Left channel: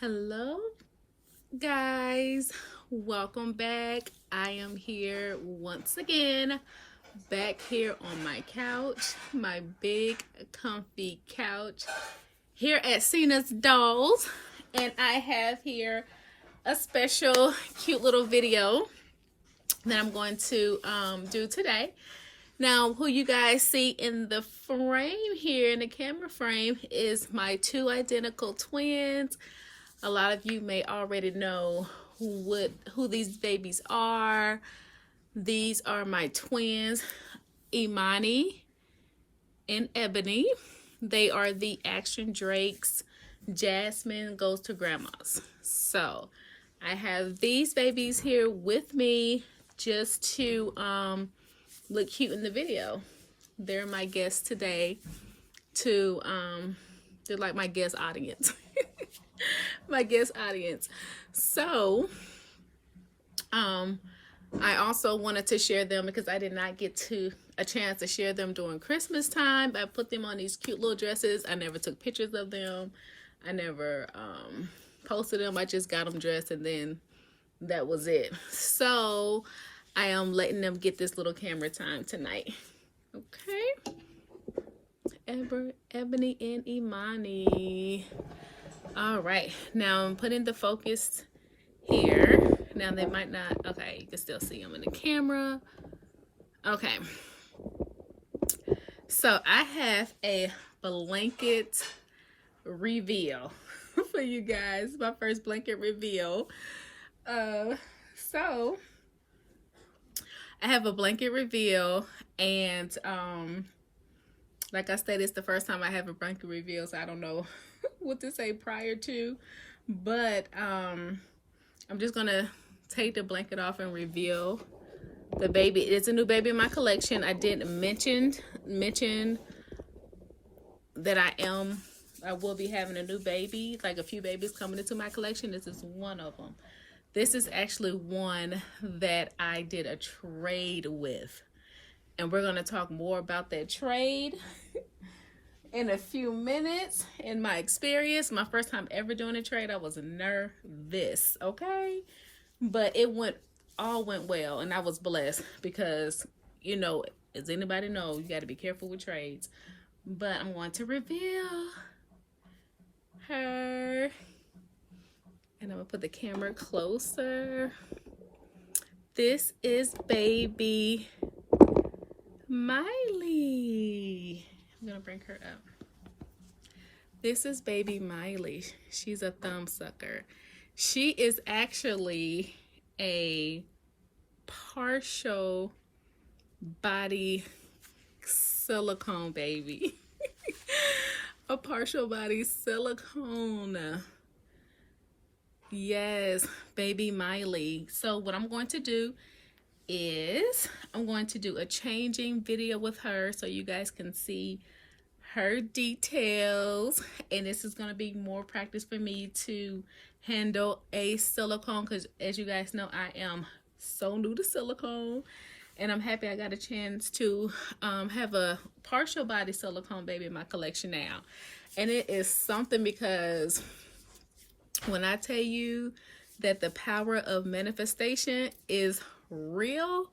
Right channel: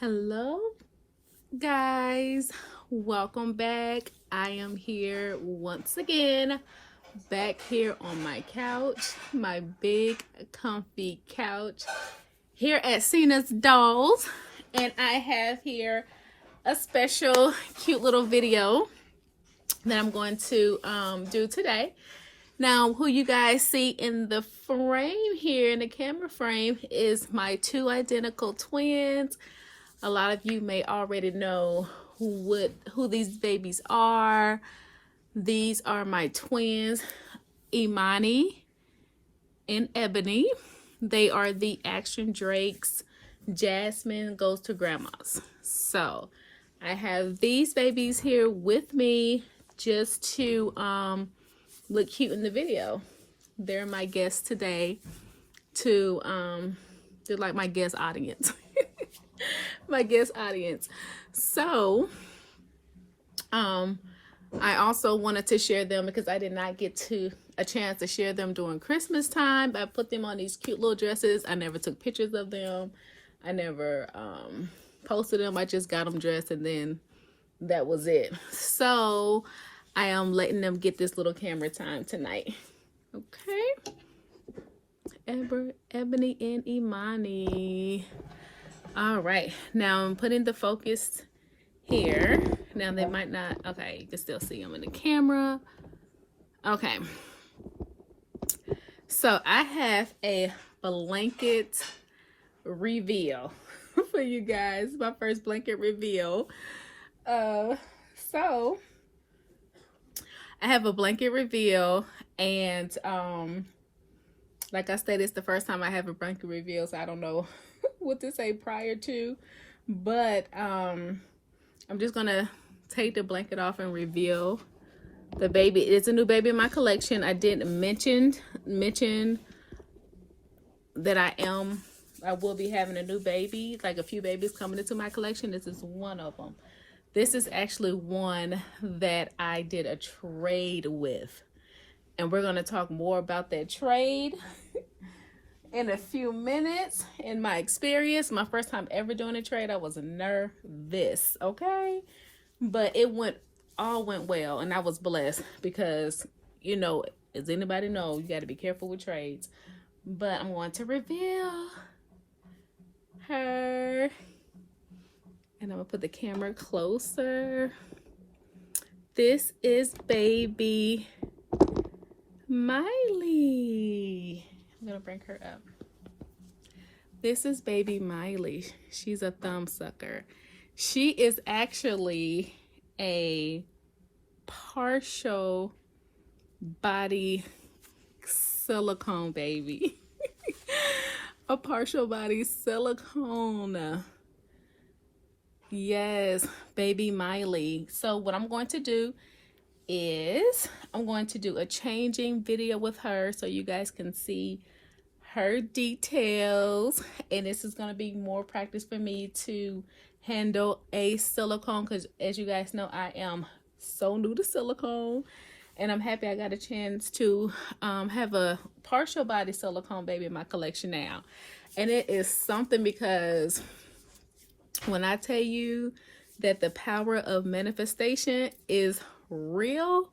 Hello guys, welcome back. I am here once again, back here on my couch, my big comfy couch here at Cena's Dolls, and I have here a special cute little video that I'm going to do today. Now, who you guys see in the frame here, in the camera frame, is my two identical twins. A lot of you may already know who these babies are. These are my twins, Imani and Ebony. They are the Action Drakes. Jasmine goes to grandma's. So I have these babies here with me just to look cute in the video. They're my guests today they're like my guest audience. My guest audience. So I also wanted to share them because I did not get a chance to share them during Christmas time. I put them on these cute little dresses. I never took pictures of them. I never posted them. I just got them dressed and then that was it. So I am letting them get this little camera time tonight. Okay. Ebony and Imani. All right, now I'm putting the focus here. Now they might not, okay, you can still see them in the camera. Okay, so I have a blanket reveal for you guys, my first blanket reveal. So I have a blanket reveal, and like I said, it's the first time I have a blanket reveal, so I don't know what to say prior to, but I'm just gonna take the blanket off and reveal the baby. It's a new baby in my collection. I didn't mention that I will be having a new baby, like a few babies coming into my collection. This is one of them. This is actually one that I did a trade with, and we're gonna talk more about that trade in a few minutes. In my experience, my first time ever doing a trade, I was nervous, okay? But it all went well, and I was blessed because, you know, as anybody know, you got to be careful with trades. But I'm going to reveal her, and I'm gonna put the camera closer. This is baby Miley. I'm gonna bring her up. This is baby Miley. She's a thumb sucker. She is actually a partial body silicone baby. A partial body silicone. Yes, baby Miley. So what I'm going to do is I'm going to do a changing video with her so you guys can see her details, and this is going to be more practice for me to handle a silicone, because as you guys know, I am so new to silicone, and I'm happy I got a chance to have a partial body silicone baby in my collection now. And it is something, because when I tell you that the power of manifestation is real,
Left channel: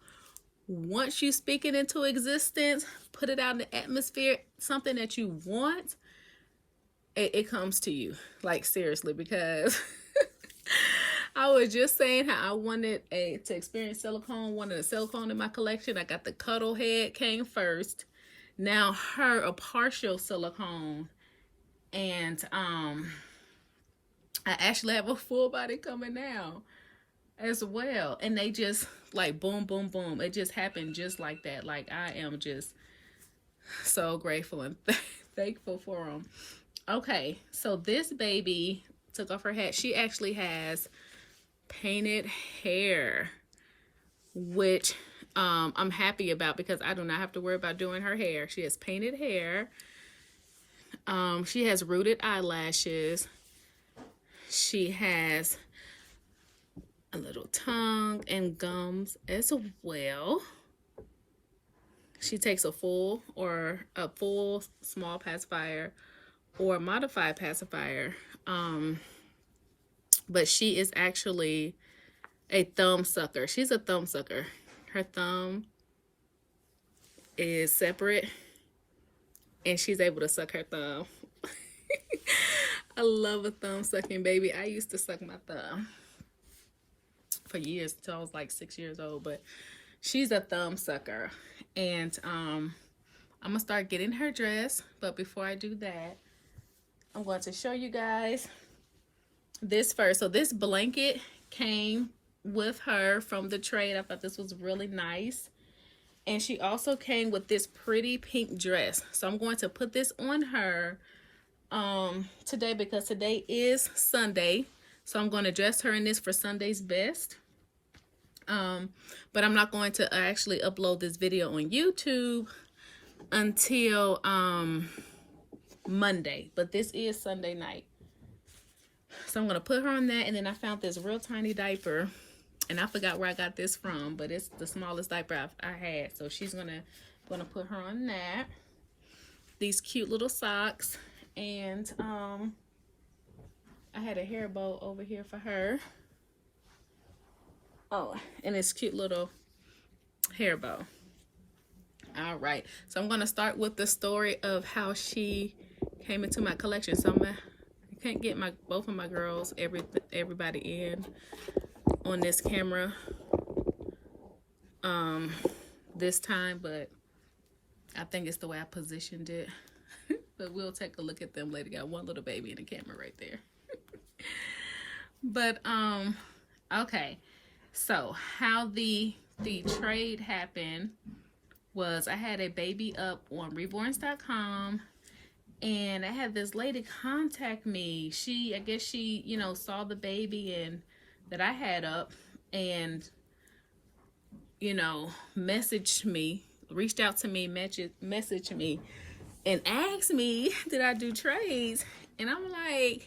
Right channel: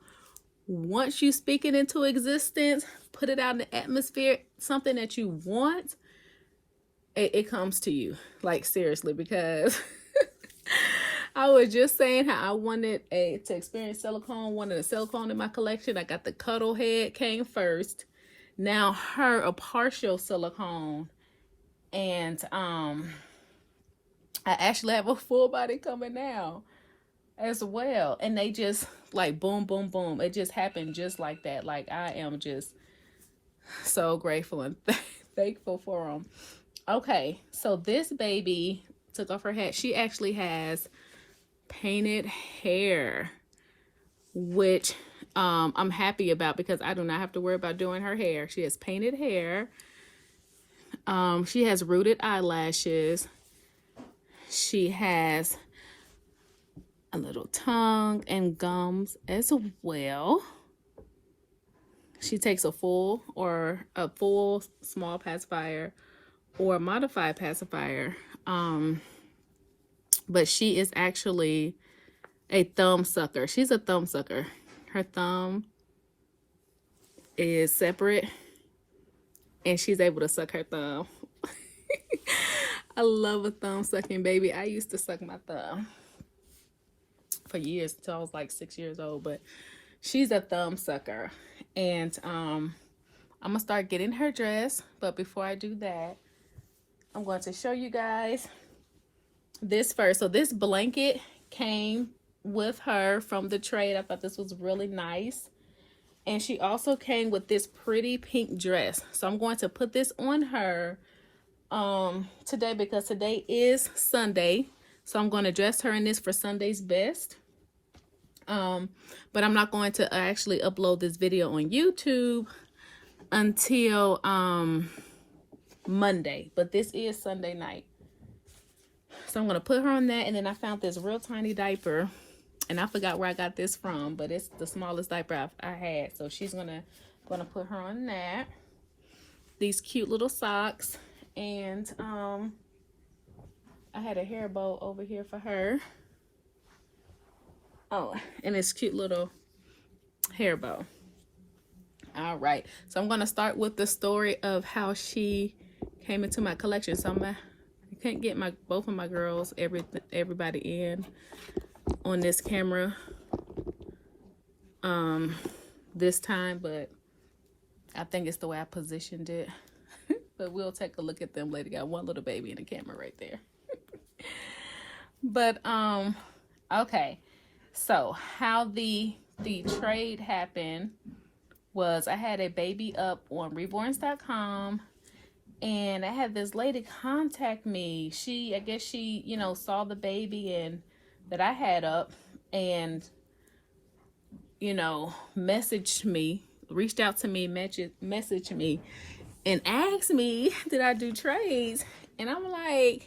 once you speak it into existence, put it out in the atmosphere, something that you want, it comes to you. Like, seriously, because I was just saying how I wanted to experience silicone, wanted a silicone in my collection. I got the cuddle head came first. Now a partial silicone, and I actually have a full body coming now as well, and they just like boom boom boom, it just happened just like that. Like, I am just so grateful and thankful for them. Okay, so this baby took off her hat. She actually has painted hair, which I'm happy about, because I do not have to worry about doing her hair. She has painted hair. She has rooted eyelashes. She has a little tongue and gums as well. She takes a full small pacifier or a modified pacifier. but she is actually a thumb sucker. She's a thumb sucker. Her thumb is separate and she's able to suck her thumb. I love a thumb sucking baby. I used to suck my thumb for years until I was like 6 years old, but she's a thumb sucker. And I'm gonna start getting her dressed, but before I do that, I'm going to show you guys this first. So this blanket came with her from the trade. I thought this was really nice. And she also came with this pretty pink dress. So I'm going to put this on her today because today is Sunday. So I'm going to dress her in this for Sunday's best. But I'm not going to actually upload this video on YouTube until Monday. But this is Sunday night. So I'm going to put her on that. And then I found this real tiny diaper. And I forgot where I got this from, but it's the smallest diaper I had. So she's gonna put her on that. These cute little socks, and I had a hair bow over here for her. Oh, and this cute little hair bow. All right, so I'm gonna start with the story of how she came into my collection. So I can't get both of my girls, everybody in on this camera this time, but I think it's the way I positioned it. But we'll take a look at them later. Got one little baby in the camera right there. But okay, so how the trade happened was I had a baby up on reborns.com, and I had this lady contact me. I guess she saw the baby and that I had up, and messaged me, reached out to me, messaged me, and asked me, did I do trades? And I'm like,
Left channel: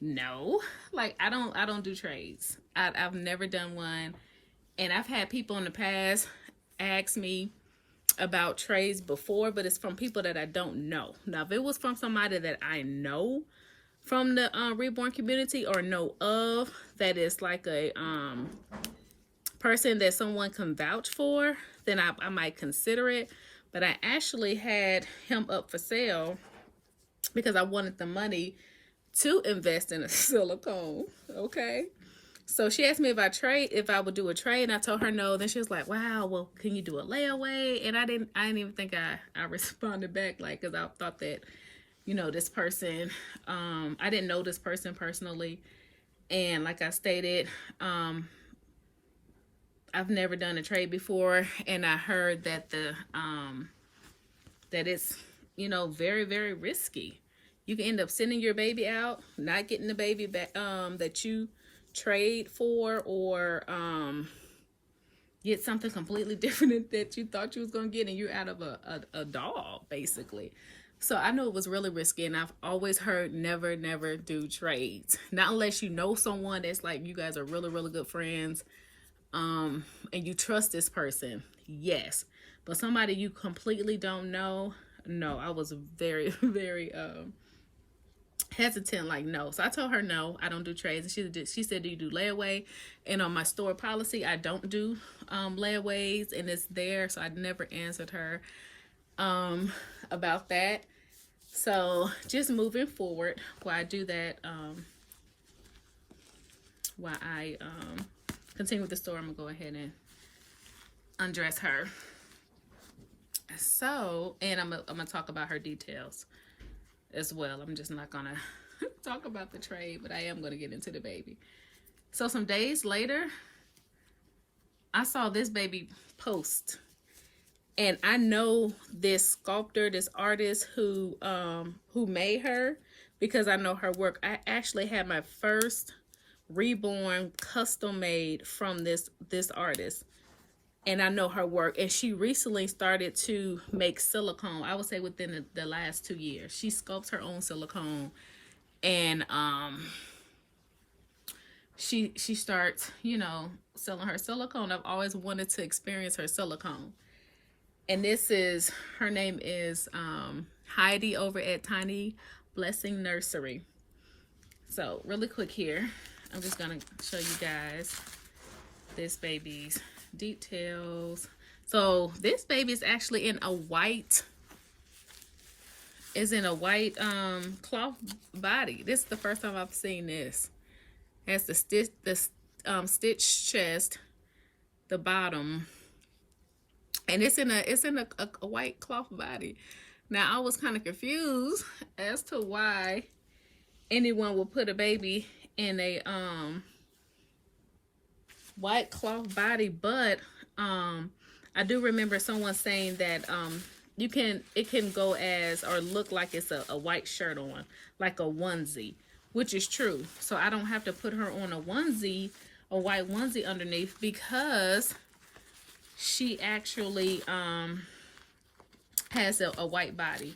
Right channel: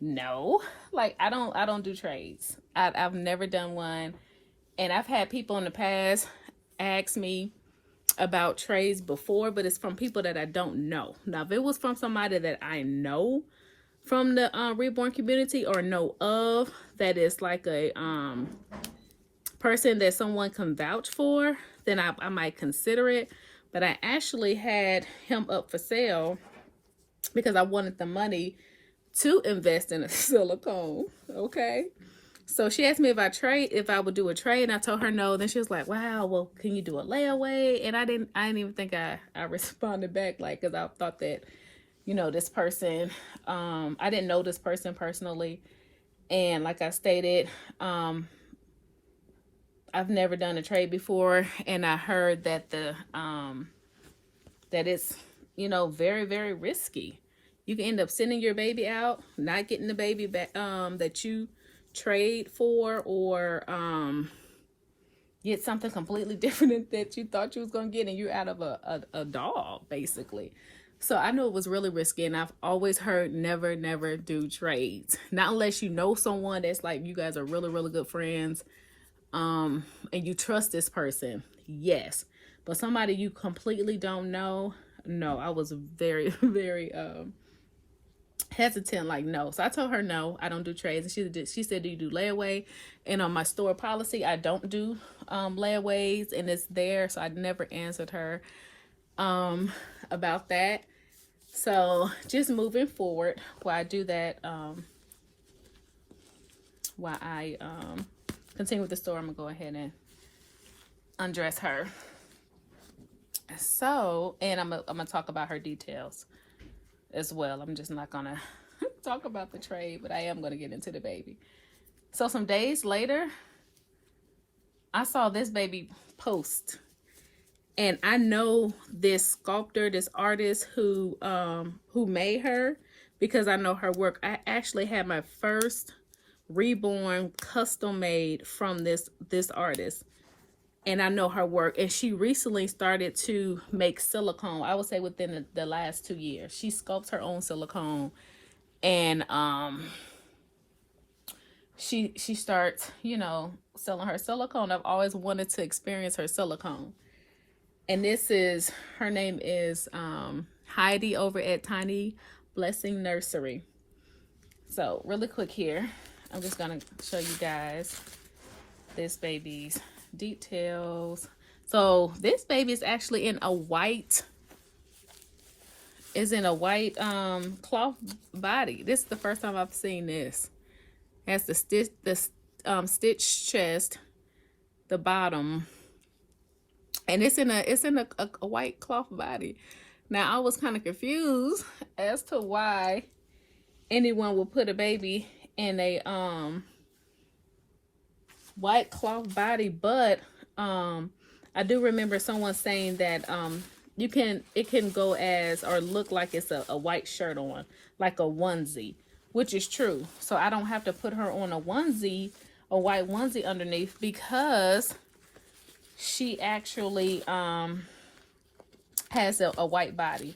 no, like I don't do trades. I've never done one, and I've had people in the past ask me about trades before, but it's from people that I don't know. Now, if it was from somebody that I know from the reborn community or know of, that is like a person that someone can vouch for, then I might consider it. But I actually had him up for sale because I wanted the money to invest in a silicone. Okay, so she asked me if I would do a trade, and I told her no. Then she was like, wow, well, can you do a layaway? And I didn't even think I responded back, like, because I thought that this person, I didn't know this person personally. And like I stated, I've never done a trade before. And I heard that that it's, very, very risky. You can end up sending your baby out, not getting the baby back, that you trade for, or, get something completely different that you thought you was going to get, and you're out of a doll, basically. So I knew it was really risky, and I've always heard never do trades. Not unless you know someone that's like, you guys are really, really good friends, and you trust this person, yes. But somebody you completely don't know, no. I was very, very hesitant, like, no. So I told her, no, I don't do trades. And she said, do you do layaway? And on my store policy, I don't do layaways, and it's there. So I never answered her about that. So just moving forward, while I do that, while I continue with the story, I'm gonna go ahead and undress her. So, and I'm gonna talk about her details as well. I'm just not gonna talk about the trade, but I am gonna get into the baby. So some days later, I saw this baby post. And I know this sculptor, this artist who made her, because I know her work. I actually had my first reborn custom made from this artist, and I know her work. And she recently started to make silicone. I would say within the last 2 years, she sculpts her own silicone, and she starts selling her silicone. I've always wanted to experience her silicone. And her name is Heidi over at Tiny Blessing Nursery. So really quick here, I'm just gonna show you guys this baby's details. So this baby is actually in a white, cloth body. This is the first time I've seen this. That's the stitched chest, the bottom, and it's in a white cloth body. Now I was kind of confused as to why anyone would put a baby in a white cloth body, but I do remember someone saying that it can go as or look like it's a white shirt on, like a onesie, which is true. So I don't have to put her on a onesie, a white onesie underneath, because she actually has a white body,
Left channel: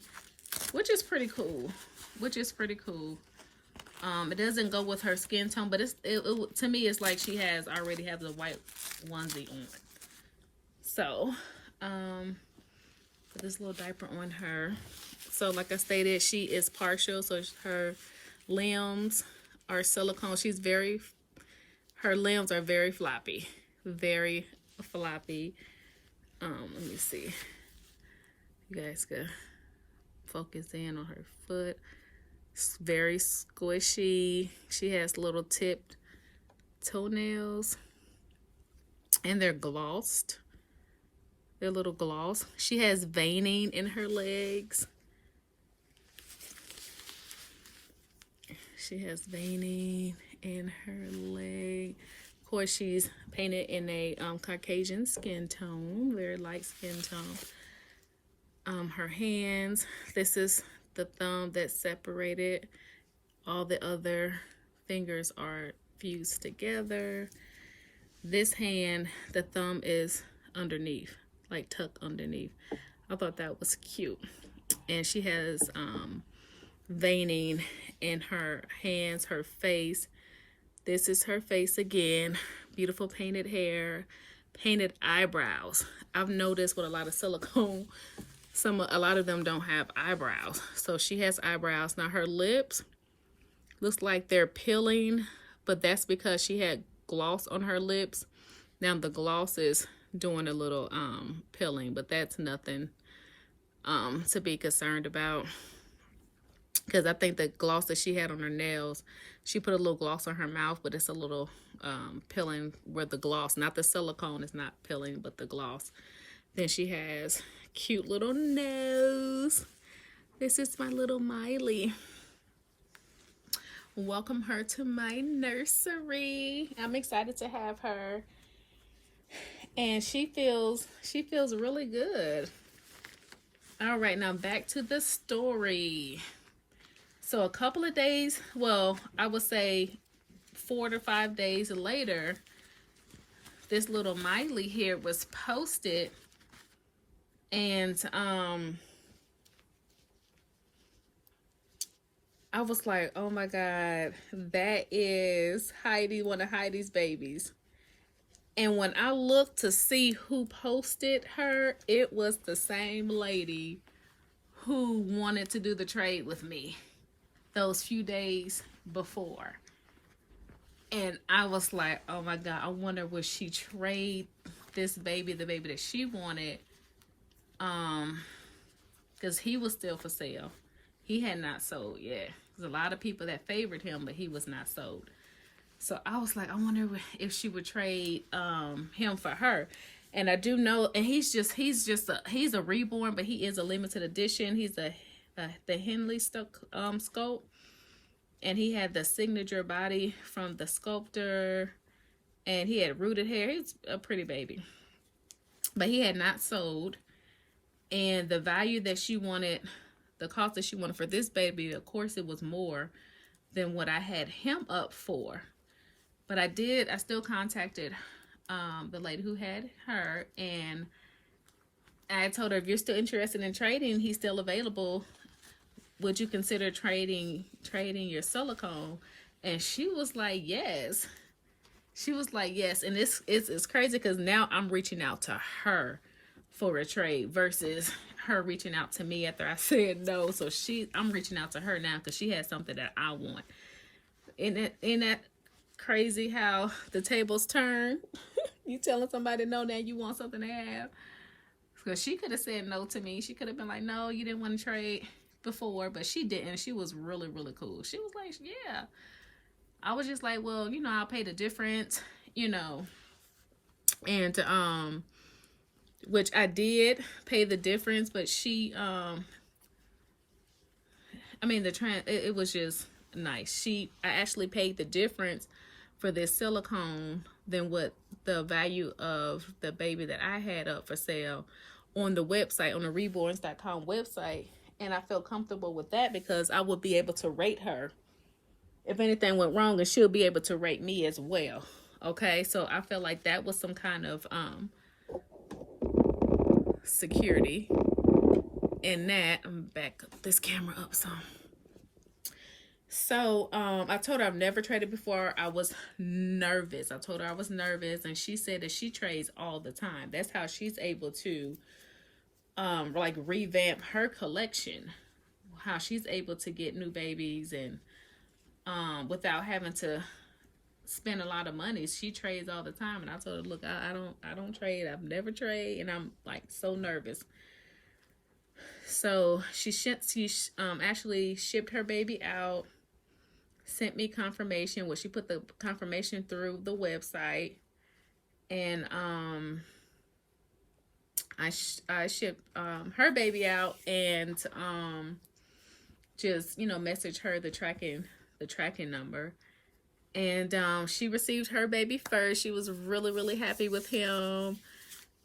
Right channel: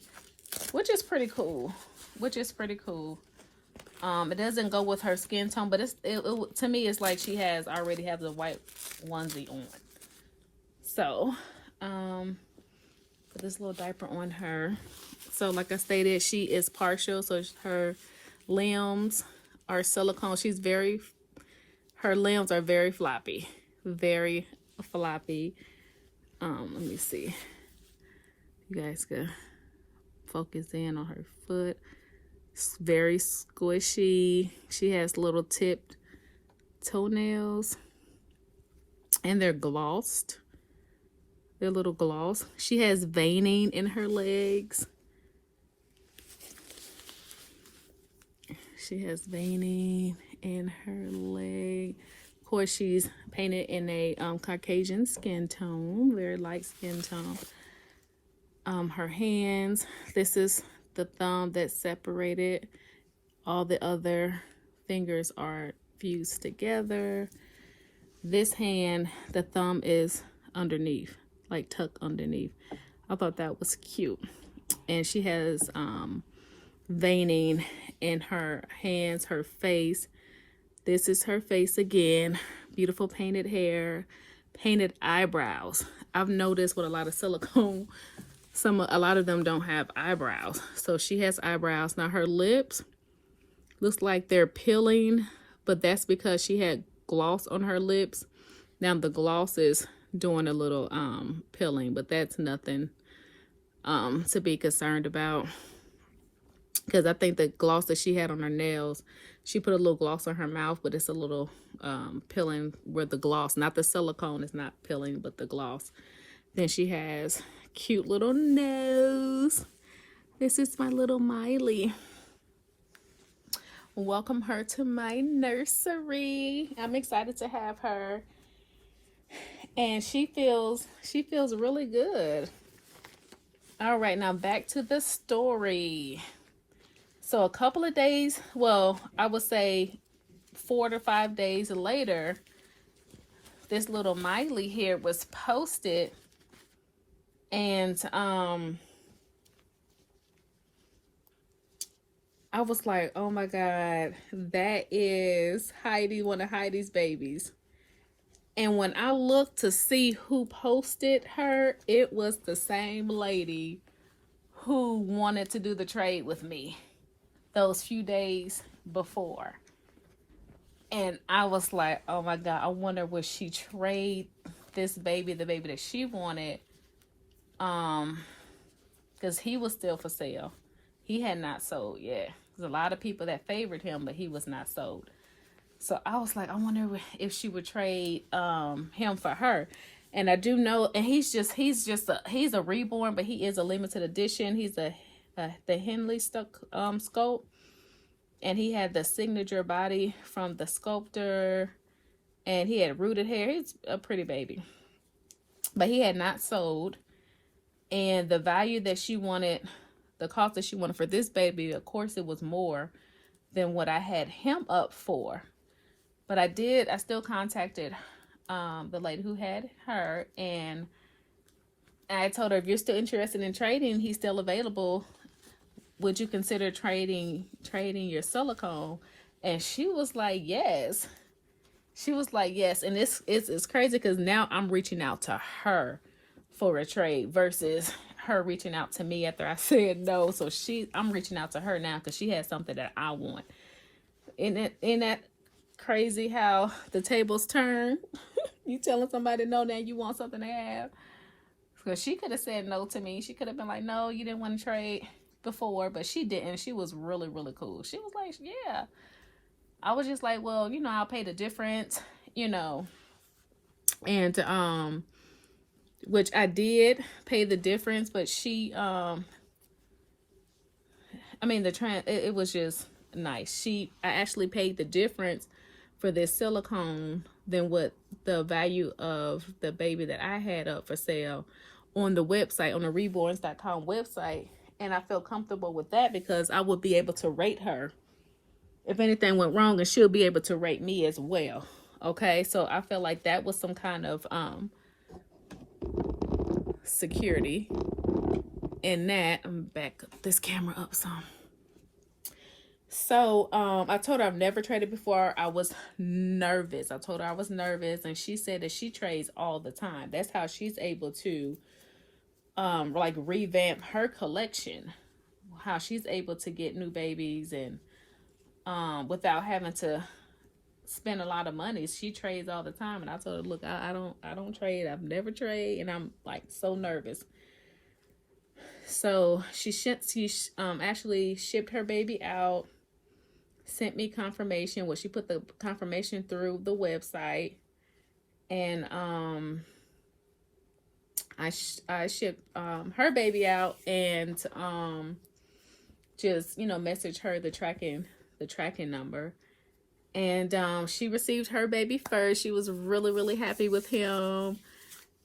which is pretty cool. It doesn't go with her skin tone, but to me it's like she already has a white onesie on. So put this little diaper on her. So like I stated, she is partial, so her limbs are silicone. Her limbs are very floppy. Let me see. You guys can focus in on her foot. It's very squishy. She has little tipped toenails, and they're glossed. They're little gloss. She has veining in her legs. She has veining in her leg. Of course, she's painted in a Caucasian skin tone, very light skin tone. Her hands, this is the thumb that's separated. All the other fingers are fused together. This hand, the thumb is underneath, like tucked underneath. I thought that was cute. And she has veining in her hands, her face. This is her face again. Beautiful painted hair, painted eyebrows. I've noticed with a lot of silicone, a lot of them don't have eyebrows. So she has eyebrows. Now her lips looks like they're peeling, but that's because she had gloss on her lips. Now the gloss is doing a little peeling, but that's nothing to be concerned about, because I think the gloss that she had on her nails, she put a little gloss on her mouth, but it's a little peeling where the gloss, not the silicone, is not peeling, but the gloss. Then she has cute little nose. This is my little Miley. Welcome her to my nursery. I'm excited to have her, and she feels really good. All right, now back to the story. So a couple of days, well, I would say 4 to 5 days later, this little Miley here was posted, and I was like, oh my God, that is Heidi, one of Heidi's babies. And when I looked to see who posted her, it was the same lady who wanted to do the trade with me those few days before. And I was like, oh my God, I wonder would she trade this baby, the baby that she wanted, because he was still for sale. He had not sold yet. There's a lot of people that favored him, but he was not sold. So I was like, I wonder if she would trade him for her. And I do know, and he's a reborn, but he is a limited edition. He's the Henley sculpt, and he had the signature body from the sculptor, and he had rooted hair. He's a pretty baby, but he had not sold. And the value that she wanted, the cost that she wanted for this baby, of course, it was more than what I had him up for. But I still contacted the lady who had her, and I told her, if you're still interested in trading, he's still available. Would you consider trading your silicone? And she was like, yes. She was like, yes. And it's crazy, because now I'm reaching out to her for a trade versus her reaching out to me after I said no. So I'm reaching out to her now because she has something that I want. Isn't that crazy how the tables turn. You telling somebody no, now you want something to have. Because she could have said no to me. She could have been like, no, you didn't want to trade before, but she didn't. She was really, really cool. She was like, yeah. I was just like, well, you know, I'll pay the difference, you know. And which I did pay the difference, but she I mean it was just nice. I actually paid the difference for this silicone than what the value of the baby that I had up for sale on the website, on the reborns.com website. And I felt comfortable with that because I would be able to rate her if anything went wrong, and she'll be able to rate me as well. Okay, so I felt like that was some kind of security in that. I'm back this camera up some. So I told her I've never traded before. I was nervous. I told her I was nervous, and she said that she trades all the time. That's how she's able to like revamp her collection. How she's able to get new babies and without having to spend a lot of money. She trades all the time, and I told her, look, I don't trade. I've never traded, and I'm like so nervous. So she actually shipped her baby out, sent me confirmation. Well, she put the confirmation through the website, and I shipped her baby out, and just, you know, message her the tracking number. And she received her baby first. She was really, really happy with him.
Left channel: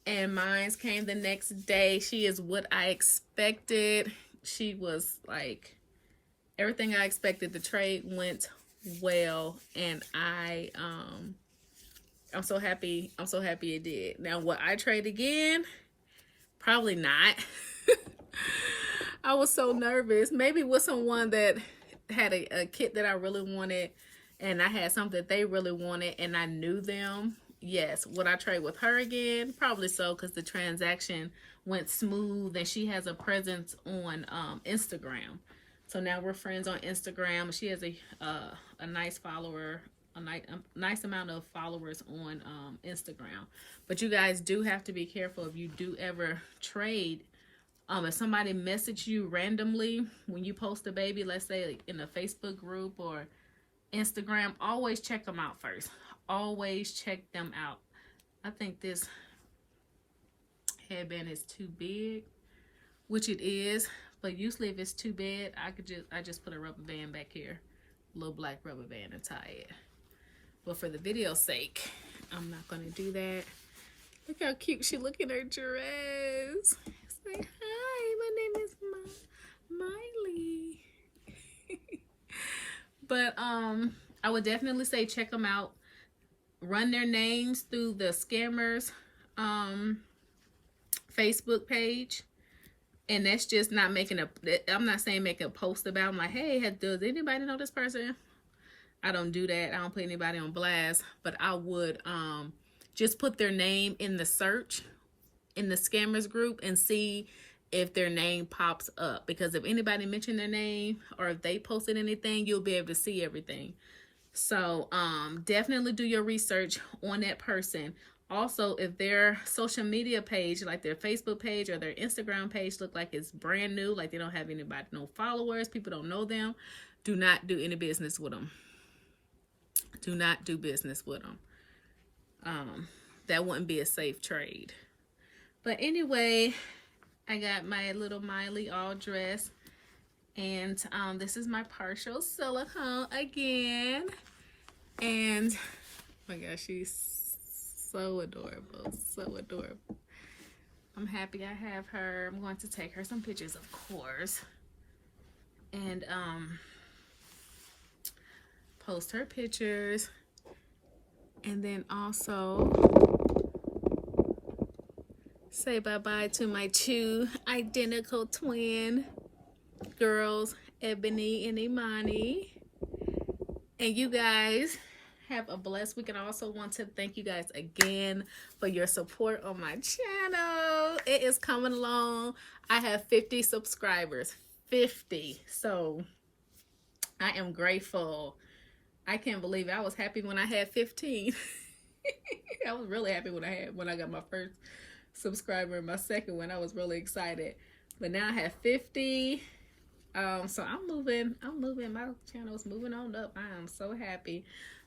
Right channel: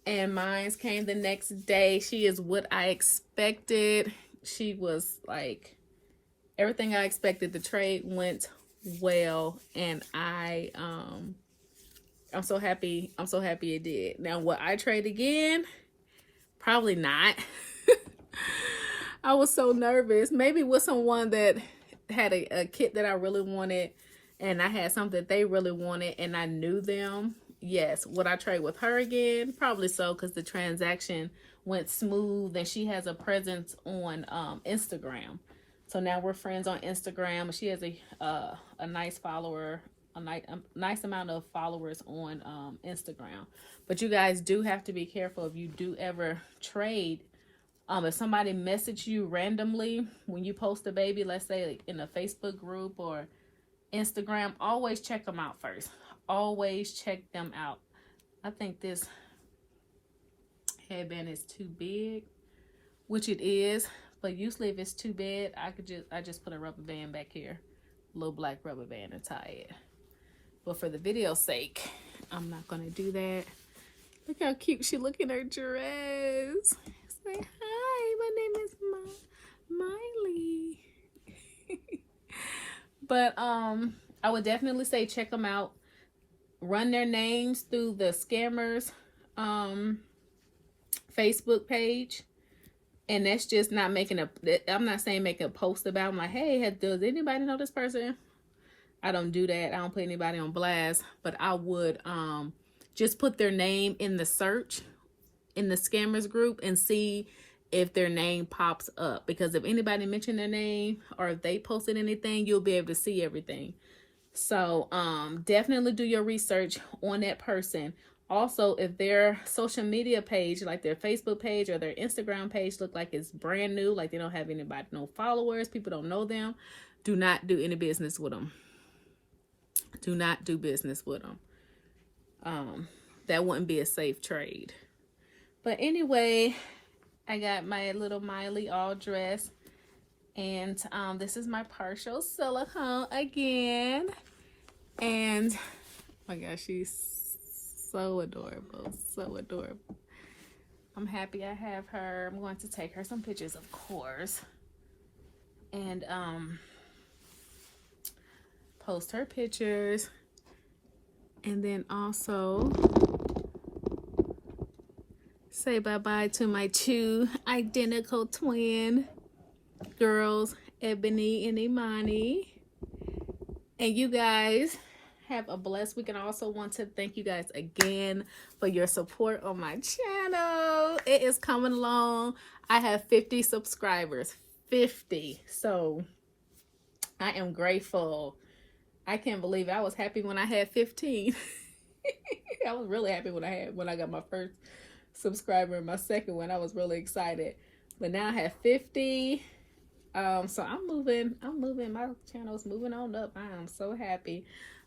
And mine came the next day. She is what I expected. She was like everything I expected. The trade went well, and I'm so happy. I'm so happy it did. Now, will I trade again? Probably not. I was so nervous. Maybe with someone that had a kit that I really wanted, and I had something that they really wanted, and I knew them. Yes. Would I trade with her again? Probably so, because the transaction went smooth, and she has a presence on Instagram. So now we're friends on Instagram. She has a nice follower, a nice amount of followers on Instagram. But you guys do have to be careful if you do ever trade. If somebody messages you randomly when you post a baby, let's say like in a Facebook group or Instagram, always check them out first. Always check them out. I think this headband is too big, which it is, but usually if it's too big, I just put a rubber band back here, a little black rubber band, and tie it. But for the video's sake, I'm not gonna do that. Look how cute she look in her dress. Say hi, my name is Miley. But I would definitely say check them out. Run their names through the scammers Facebook page, and that's just not making I'm not saying make a post about them like, hey, does anybody know this person? I don't do that. I don't put anybody on blast, but I would just put their name in the search in the scammers group and see if their name pops up, because if anybody mentioned their name or if they posted anything, you'll be able to see everything. So definitely do your research on that person. Also, if their social media page, like their Facebook page or their Instagram page, look like it's brand new, like they don't have anybody, no followers, people don't know them, do not do any business with them. Do not do business with them. That wouldn't be a safe trade. But anyway, I got my little Miley all dressed, and this is my partial silicone again. And oh my gosh, she's so adorable, so adorable. I'm happy I have her. I'm going to take her some pictures, of course, and post her pictures, and then also say bye-bye to my two identical twin girls, Ebony and Imani. And you guys have a blessed week. And I also want to thank you guys again for your support on my channel. It is coming along. I have 50 subscribers. 50. So I am grateful. I can't believe it. I was happy when I had 15. I was really happy when I got my first subscriber and my second one. I was really excited. But now I have 50. So I'm moving, my channel's moving on up. I am so happy.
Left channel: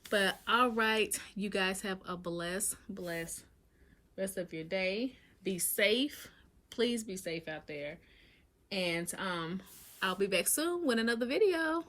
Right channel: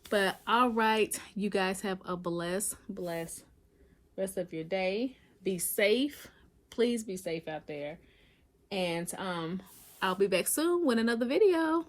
But all right, you guys have a blessed rest of your day. Be safe. Please be safe out there. And I'll be back soon with another video.